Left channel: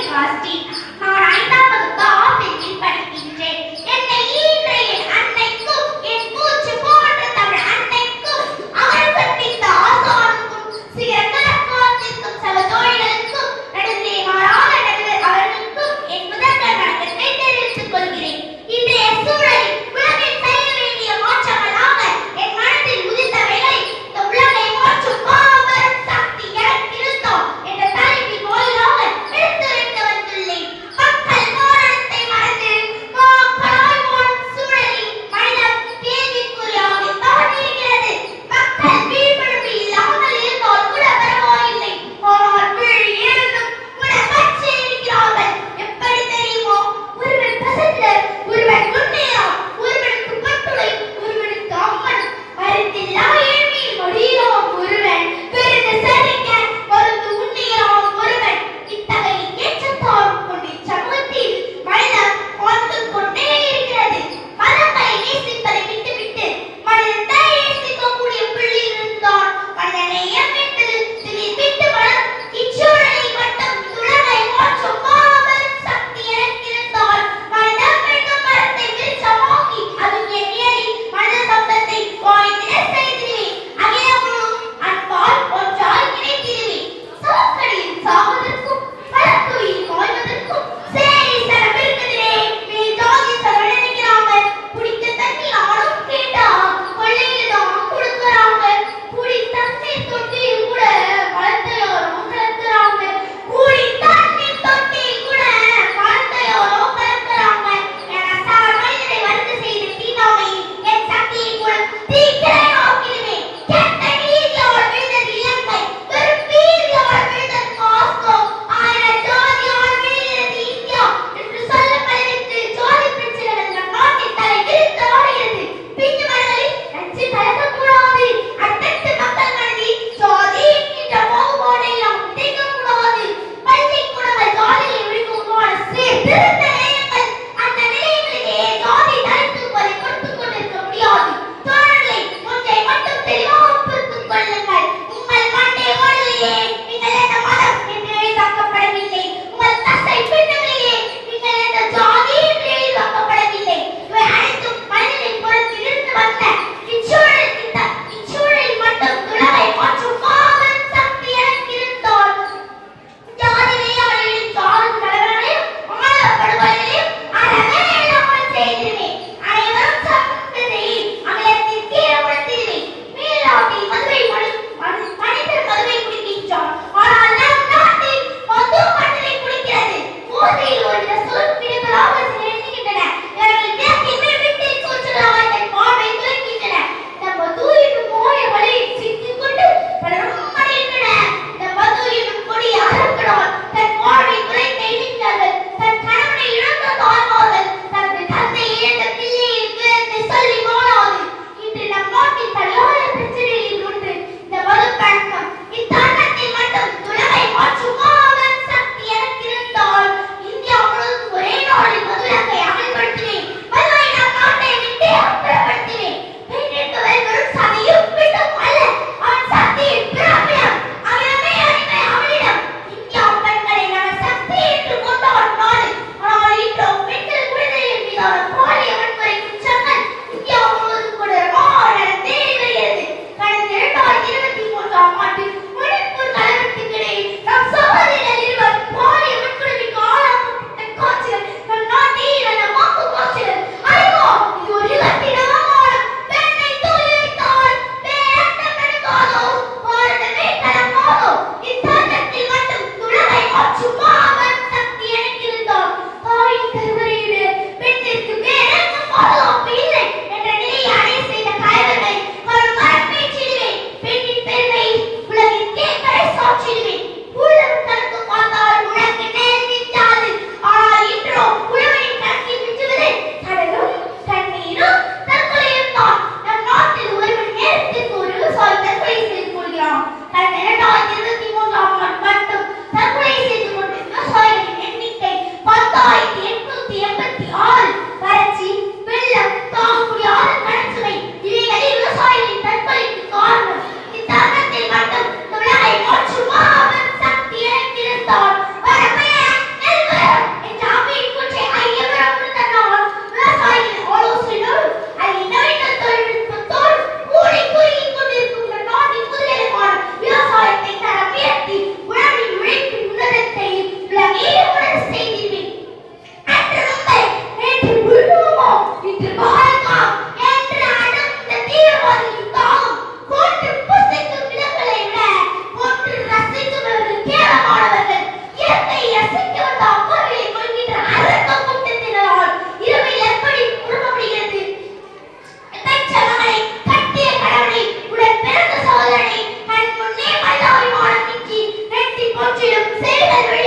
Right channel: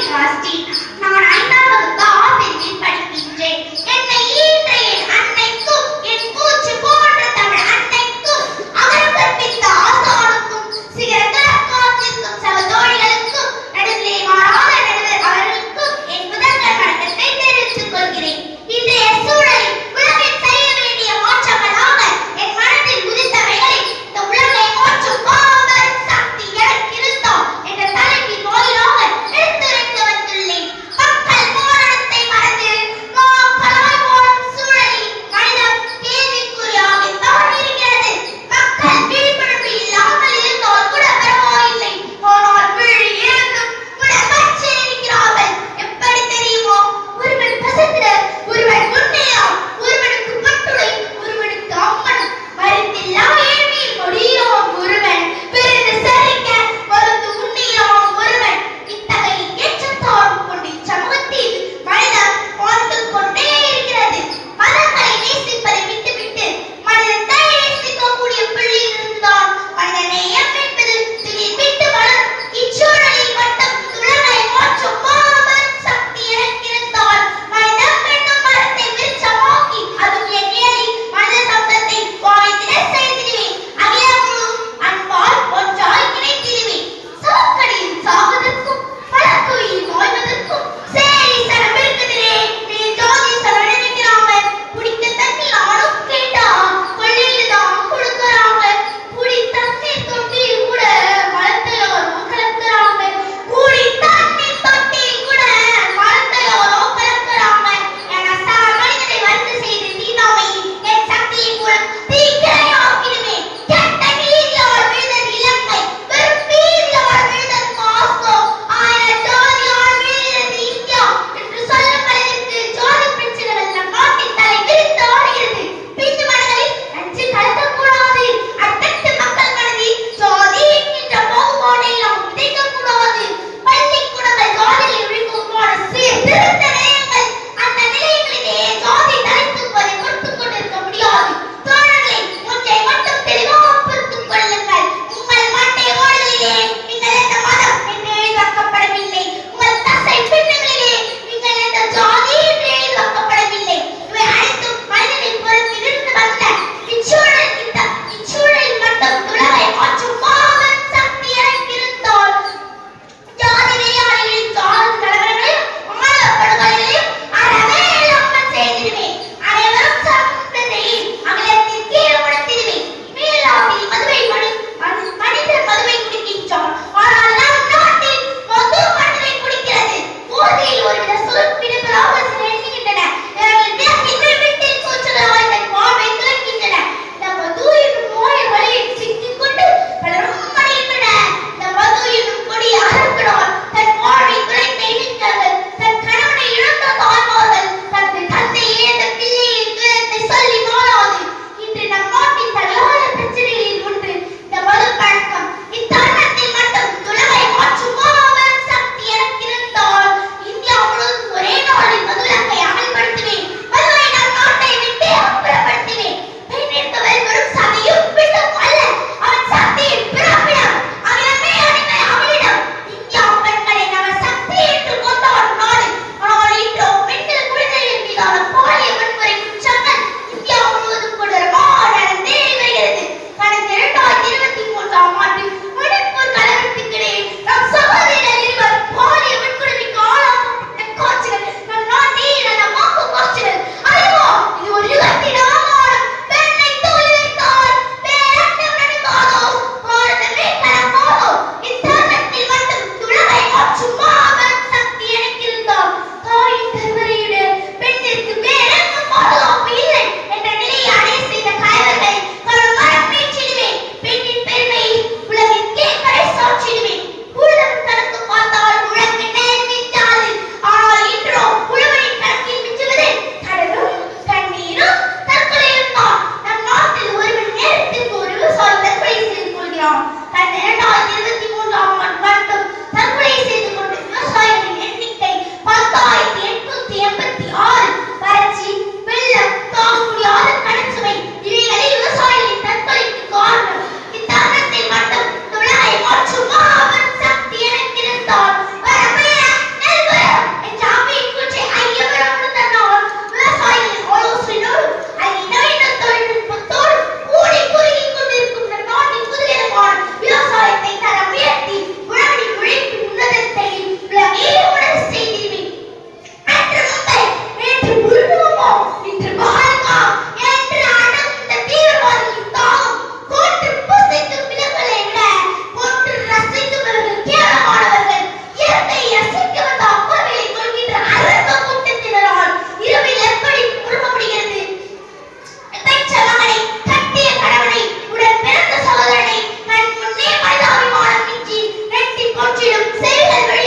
விகாஸ்ரீ நான் ஐந்தாம் வகுப்பு ஆ பிரிவில் படிக்கின்றேன் you. Say it, Henry.